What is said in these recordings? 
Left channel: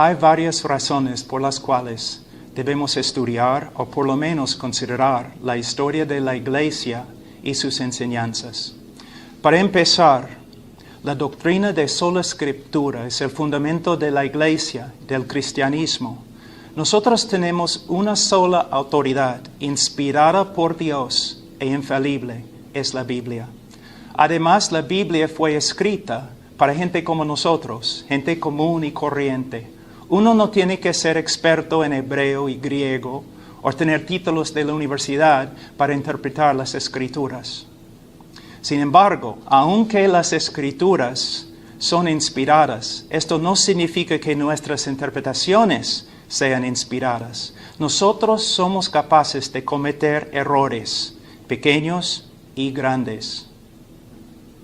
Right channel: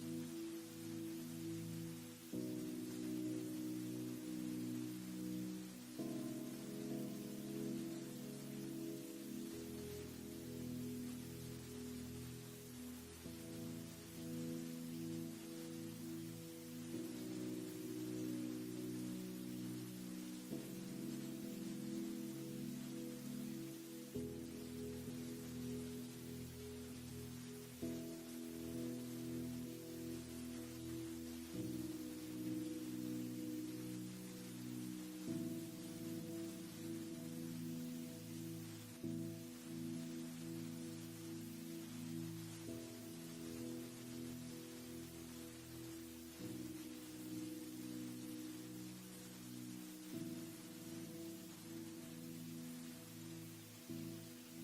Hay varias razones por las cuales debemos estudiar o por lo menos considerar la historia de la Iglesia y sus enseñanzas. Para empezar, la doctrina de sola Escritura es el fundamento de la Iglesia, del cristianismo. Nosotros tenemos una sola autoridad, inspirada por Dios e infalible, es la Biblia. Además, la Biblia fue escrita para gente como nosotros, gente común y corriente. Uno no tiene que ser experto en hebreo y griego o tener títulos de la universidad para interpretar las Escrituras. Sin embargo, aunque las Escrituras son inspiradas, esto no significa que nuestras interpretaciones sean inspiradas. Nosotros somos capaces de cometer errores, pequeños y grandes.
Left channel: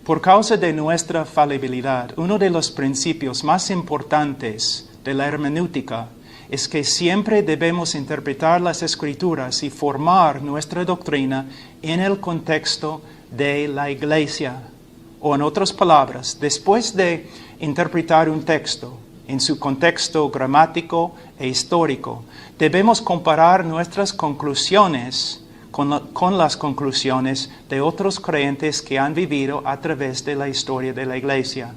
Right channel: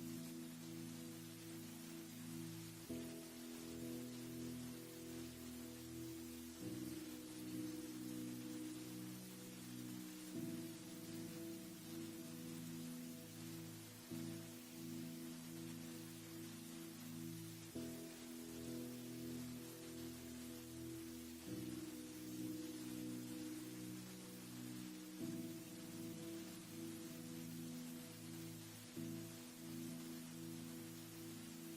Por causa de nuestra falibilidad, uno de los principios más importantes de la hermenéutica es que siempre debemos interpretar las Escrituras y formar nuestra doctrina en el contexto de la Iglesia. O en otras palabras, después de interpretar un texto en su contexto gramático e histórico, debemos comparar nuestras conclusiones con las conclusiones de otros creyentes que han vivido a través de la historia de la Iglesia.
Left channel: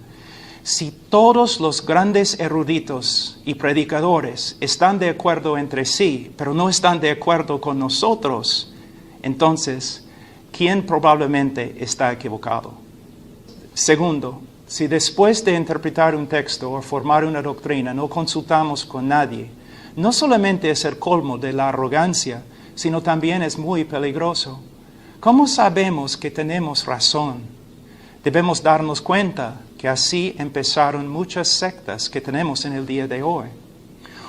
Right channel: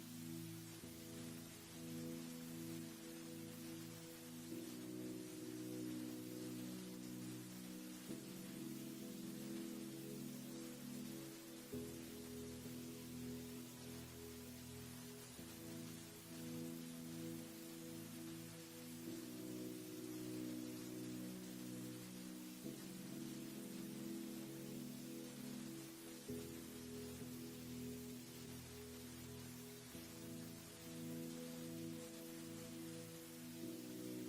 Si todos los grandes eruditos y predicadores están de acuerdo entre sí, pero no están de acuerdo con nosotros, entonces, ¿quién probablemente está equivocado? Segundo, si después de interpretar un texto o formar una doctrina no consultamos con nadie, no solamente es el colmo de la arrogancia, sino también es muy peligroso. ¿Cómo sabemos que tenemos razón? Debemos darnos cuenta que así empezaron muchas sectas que tenemos en el día de hoy.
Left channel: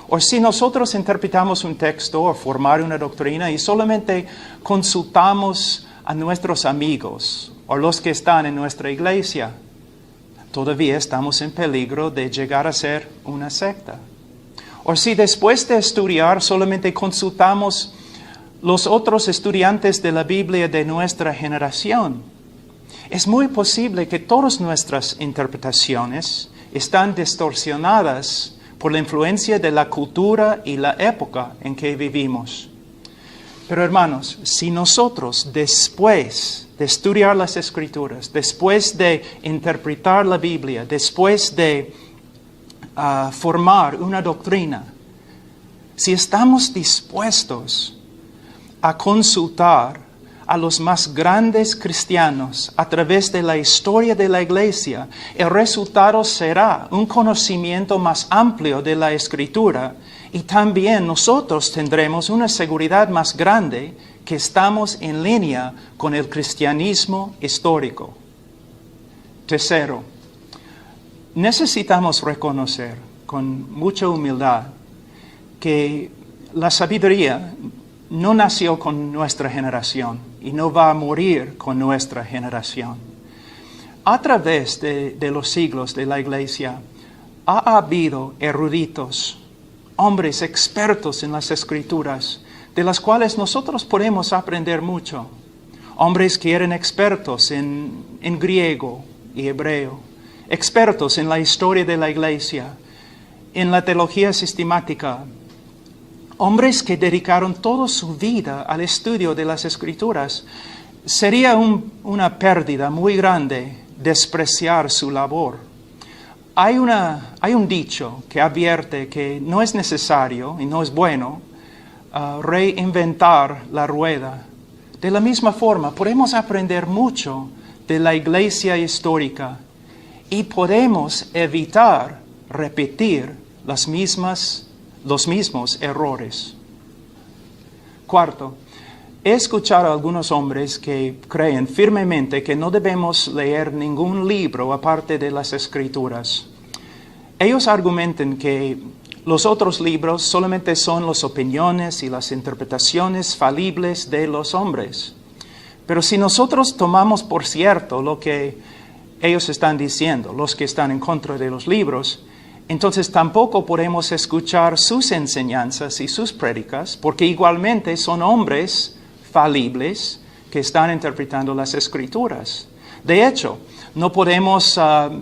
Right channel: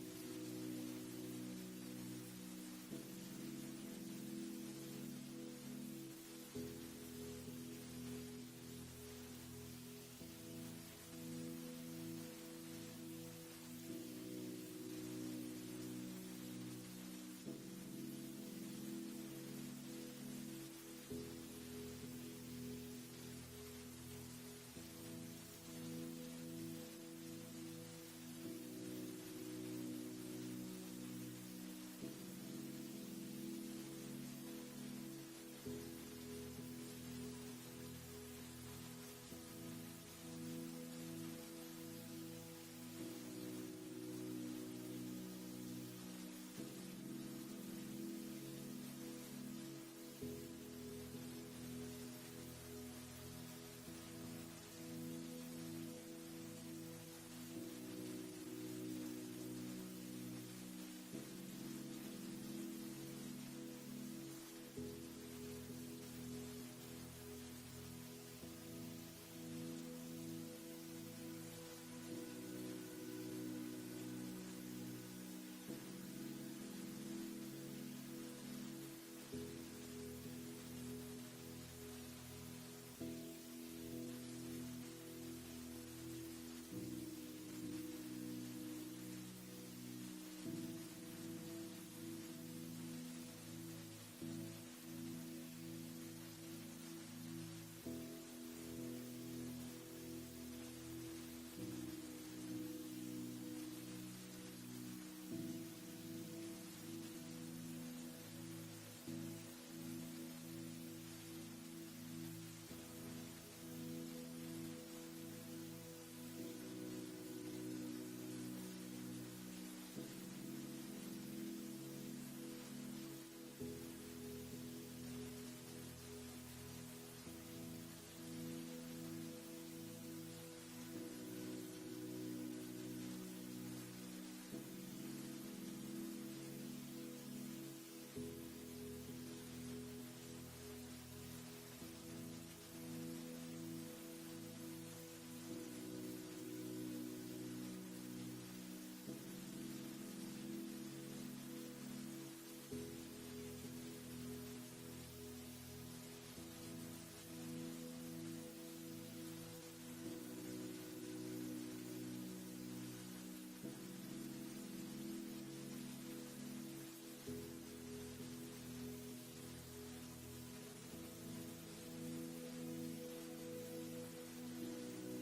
O si nosotros interpretamos un texto o formar una doctrina y solamente consultamos a nuestros amigos o los que están en nuestra iglesia, todavía estamos en peligro de llegar a ser una secta. O si después de estudiar solamente consultamos los otros estudiantes de la Biblia de nuestra generación, es muy posible que todas nuestras interpretaciones están distorsionadas por la influencia de la cultura y la época en que vivimos. Pero hermanos, si nosotros después de estudiar las Escrituras, después de interpretar la Biblia, después de formar una doctrina, si estamos dispuestos a consultar a los más grandes cristianos a través de la historia de la Iglesia, el resultado será un conocimiento más amplio de la Escritura y también nosotros tendremos una seguridad más grande que estamos en línea con el cristianismo histórico. Tercero, necesitamos reconocer con mucha humildad que la sabiduría no nació con nuestra generación y no va a morir con nuestra generación. A través de los siglos de la Iglesia ha habido eruditos, hombres expertos en las Escrituras, de las cuales nosotros podemos aprender mucho. Hombres que eran expertos en griego y hebreo, expertos en la historia de la Iglesia, en la teología sistemática, hombres que dedicaron toda su vida al estudio de las Escrituras. Sería una pérdida muy grande despreciar su labor. Hay un dicho que advierte que no es necesario y no es bueno reinventar la rueda. De la misma forma, podemos aprender mucho de la Iglesia histórica y podemos evitar repetir los mismos errores. Cuarto, he escuchado a algunos hombres que creen firmemente que no debemos leer ningún libro aparte de las Escrituras. Ellos argumentan que los otros libros solamente son las opiniones y las interpretaciones falibles de los hombres. Pero si nosotros tomamos por cierto lo que ellos están diciendo, los que están en contra de los libros, entonces tampoco podemos escuchar sus enseñanzas y sus prédicas, porque igualmente son hombres falibles que están interpretando las Escrituras. De hecho, no podemos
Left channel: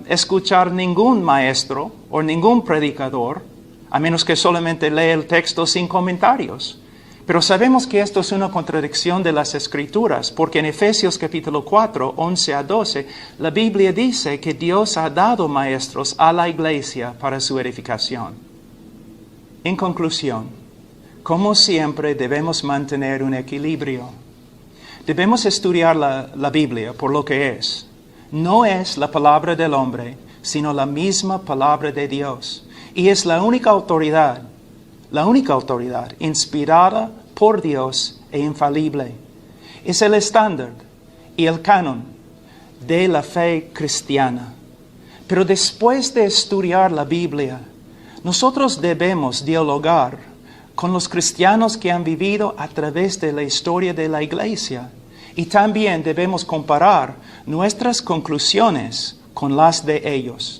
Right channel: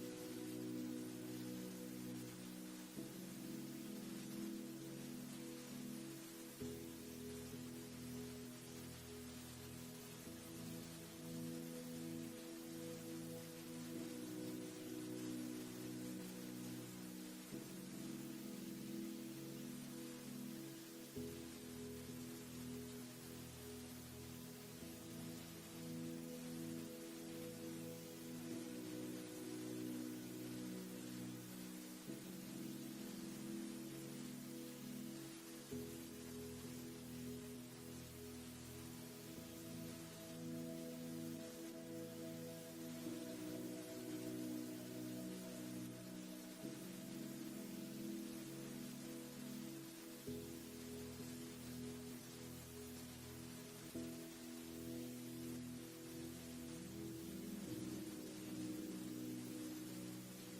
escuchar ningún maestro o ningún predicador a menos que solamente lea el texto sin comentarios. Pero sabemos que esto es una contradicción de las Escrituras, porque en Efesios capítulo 4, 11 a 12, la Biblia dice que Dios ha dado maestros a la iglesia para su edificación. En conclusión, como siempre debemos mantener un equilibrio. Debemos estudiar la Biblia por lo que es. No es la palabra del hombre, sino la misma palabra de Dios. Y es la única autoridad inspirada por Dios e infalible. Es el estándar y el canon de la fe cristiana. Pero después de estudiar la Biblia, nosotros debemos dialogar con los cristianos que han vivido a través de la historia de la iglesia. Y también debemos comparar nuestras conclusiones con las de ellos.